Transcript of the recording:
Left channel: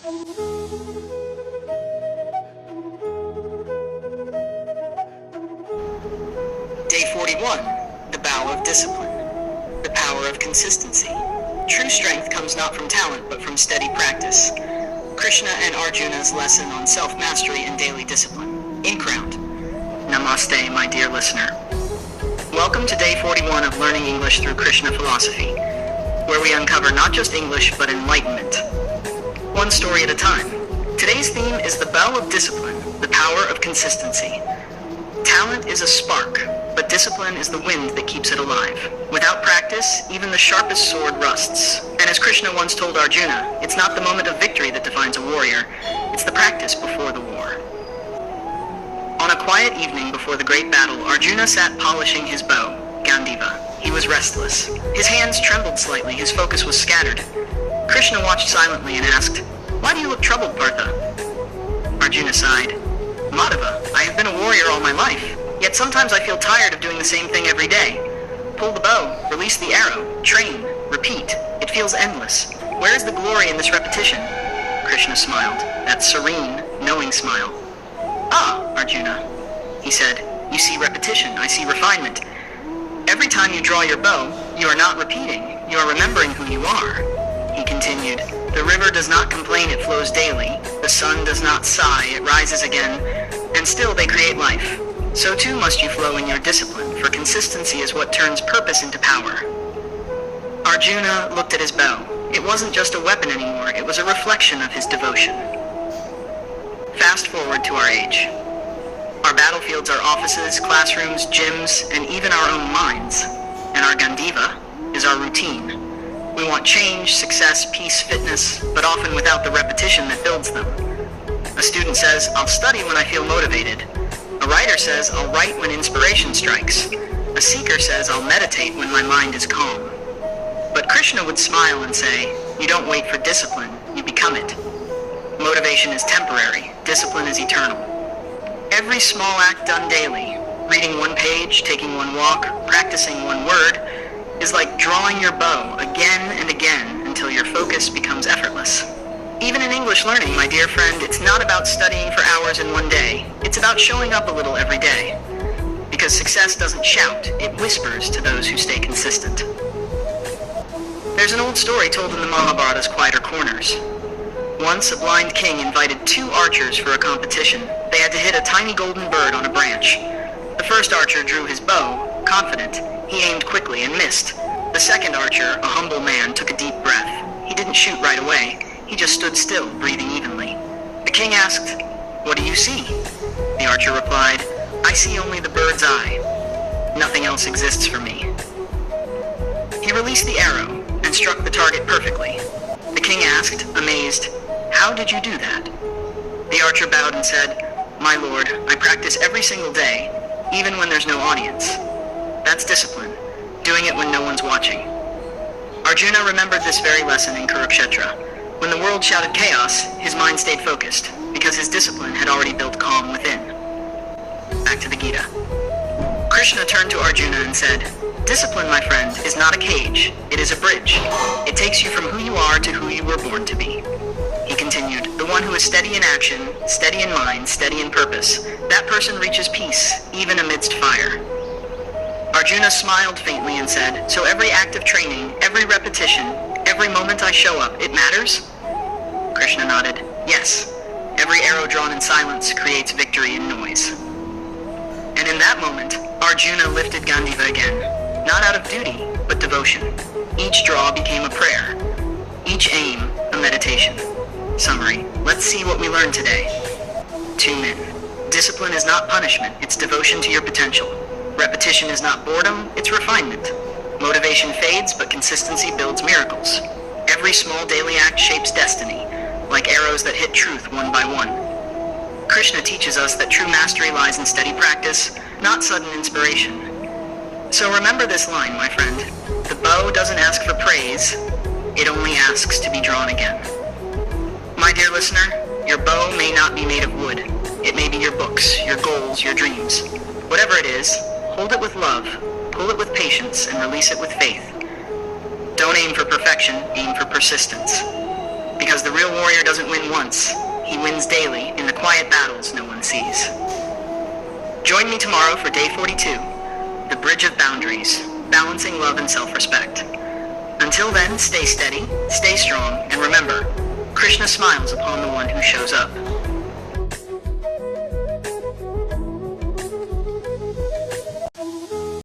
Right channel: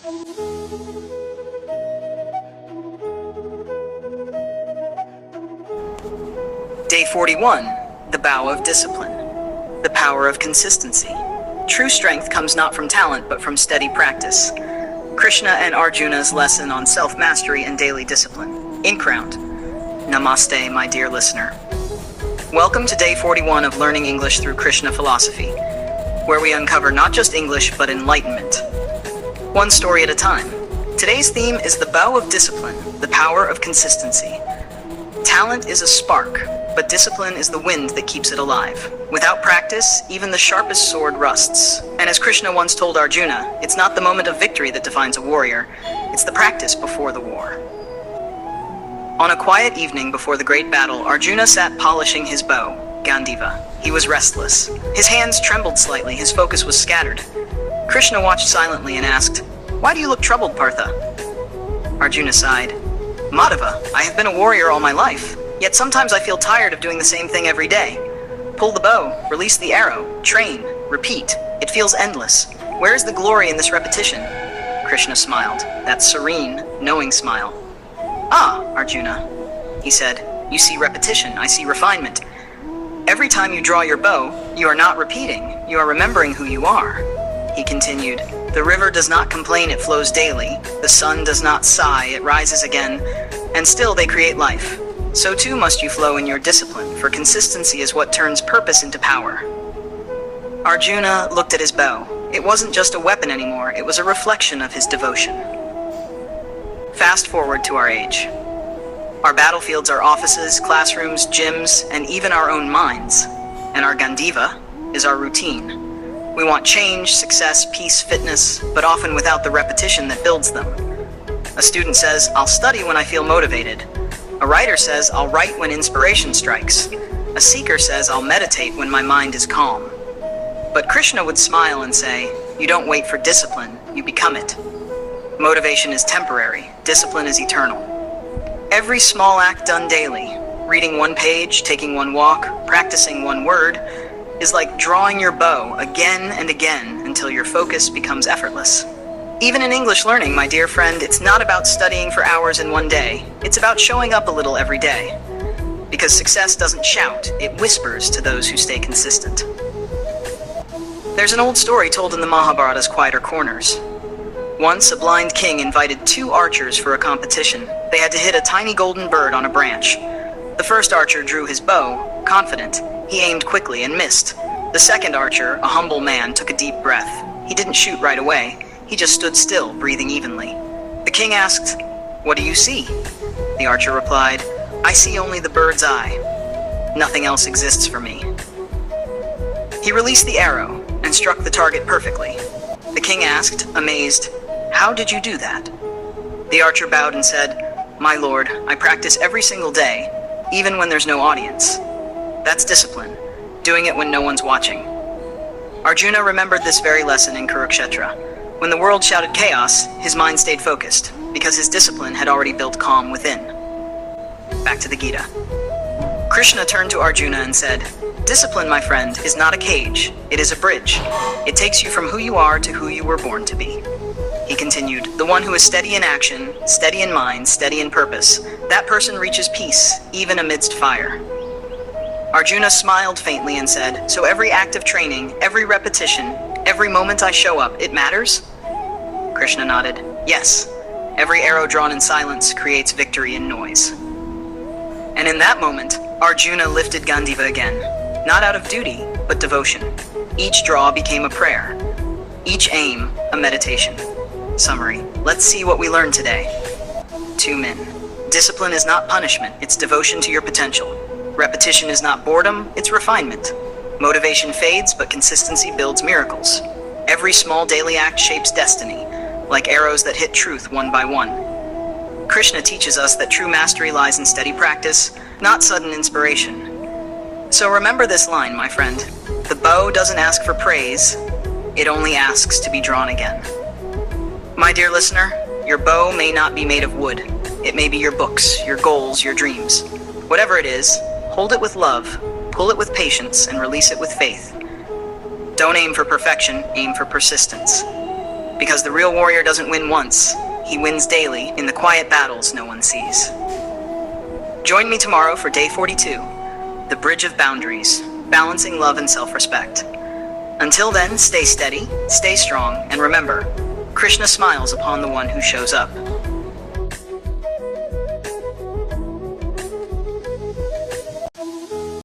Day 41, the bow of discipline, the power of consistency. True strength comes not from talent, but from steady practice. Krishna and Arjuna's lesson on self-mastery and daily discipline. Ink round. Namaste, my dear listener. Welcome to Day 41 of Learning English through Krishna philosophy, where we uncover not just English, but enlightenment. One story at a time. Today's theme is the bow of discipline, the power of consistency. Talent is a spark, but discipline is the wind that keeps it alive. Without practice, even the sharpest sword rusts. And as Krishna once told Arjuna, it's not the moment of victory that defines a warrior, it's the practice before the war. On a quiet evening before the great battle, Arjuna sat polishing his bow, Gandiva. He was restless. His hands trembled slightly, his focus was scattered. Krishna watched silently and asked, "Why do you look troubled, Partha?" Arjuna sighed. "Madhava, I have been a warrior all my life, yet sometimes I feel tired of doing the same thing every day. Pull the bow, release the arrow, train, repeat. It feels endless. Where is the glory in this repetition?" Krishna smiled, that serene, knowing smile. "Ah, Arjuna," he said, "you see repetition, I see refinement. Every time you draw your bow, you are not repeating, you are remembering who you are." He continued, "The river does not complain, it flows daily. The sun does not sigh, it rises again, and still they create life. So too must you flow in your discipline, for consistency is what turns purpose into power." Arjuna looked at his bow. It wasn't just a weapon anymore, it was a reflection of his devotion. Fast forward to our age. Our battlefields are offices, classrooms, gyms, and even our own minds. And our Gandiva is our routine. We want change, success, peace, fitness, but often without the repetition that builds them. A student says, "I'll study when I feel motivated." A writer says, "I'll write when inspiration strikes." A seeker says, "I'll meditate when my mind is calm." But Krishna would smile and say, "You don't wait for discipline, you become it." Motivation is temporary, discipline is eternal. Every small act done daily, reading one page, taking one walk, practicing one word, is like drawing your bow again and again until your focus becomes effortless. Even in English learning, my dear friend, it's not about studying for hours in one day. It's about showing up a little every day. Because success doesn't shout, it whispers to those who stay consistent. There's an old story told in the Mahabharata's quieter corners. Once, a blind king invited 2 archers for a competition. They had to hit a tiny golden bird on a branch. The first archer drew his bow, confident. He aimed quickly and missed. The second archer, a humble man, took a deep breath. He didn't shoot right away. He just stood still, breathing evenly. The king asked, "What do you see?" The archer replied, "I see only the bird's eye. Nothing else exists for me." He released the arrow and struck the target perfectly. The king asked, amazed, "How did you do that?" The archer bowed and said, "My lord, I practice every single day, even when there's no audience. That's discipline, doing it when no one's watching." Arjuna remembered this very lesson in Kurukshetra. When the world shouted chaos, his mind stayed focused, because his discipline had already built calm within. Back to the Gita. Krishna turned to Arjuna and said, "Discipline, my friend, is not a cage, it is a bridge. It takes you from who you are to who you were born to be." He continued, "The one who is steady in action, steady in mind, steady in purpose, that person reaches peace, even amidst fire." Arjuna smiled faintly and said, "So every act of training, every repetition, every moment I show up, it matters?" Krishna nodded, "Yes. Every arrow drawn in silence creates victory in noise." And in that moment, Arjuna lifted Gandiva again, not out of duty, but devotion. Each draw became a prayer, each aim a meditation. Summary, let's see what we learned today. 2 men. Discipline is not punishment, it's devotion to your potential. Repetition is not boredom, it's refinement. Motivation fades, but consistency builds miracles. Every small daily act shapes destiny, like arrows that hit truth one by one. Krishna teaches us that true mastery lies in steady practice, not sudden inspiration. So remember this line, my friend. The bow doesn't ask for praise, it only asks to be drawn again. My dear listener, your bow may not be made of wood. It may be your books, your goals, your dreams. Whatever it is, hold it with love, pull it with patience, and release it with faith. Don't aim for perfection, aim for persistence. Because the real warrior doesn't win once, he wins daily in the quiet battles no one sees. Join me tomorrow for Day 42, the Bridge of Boundaries, balancing love and self-respect. Until then, stay steady, stay strong, and remember, Krishna smiles upon the one who shows up.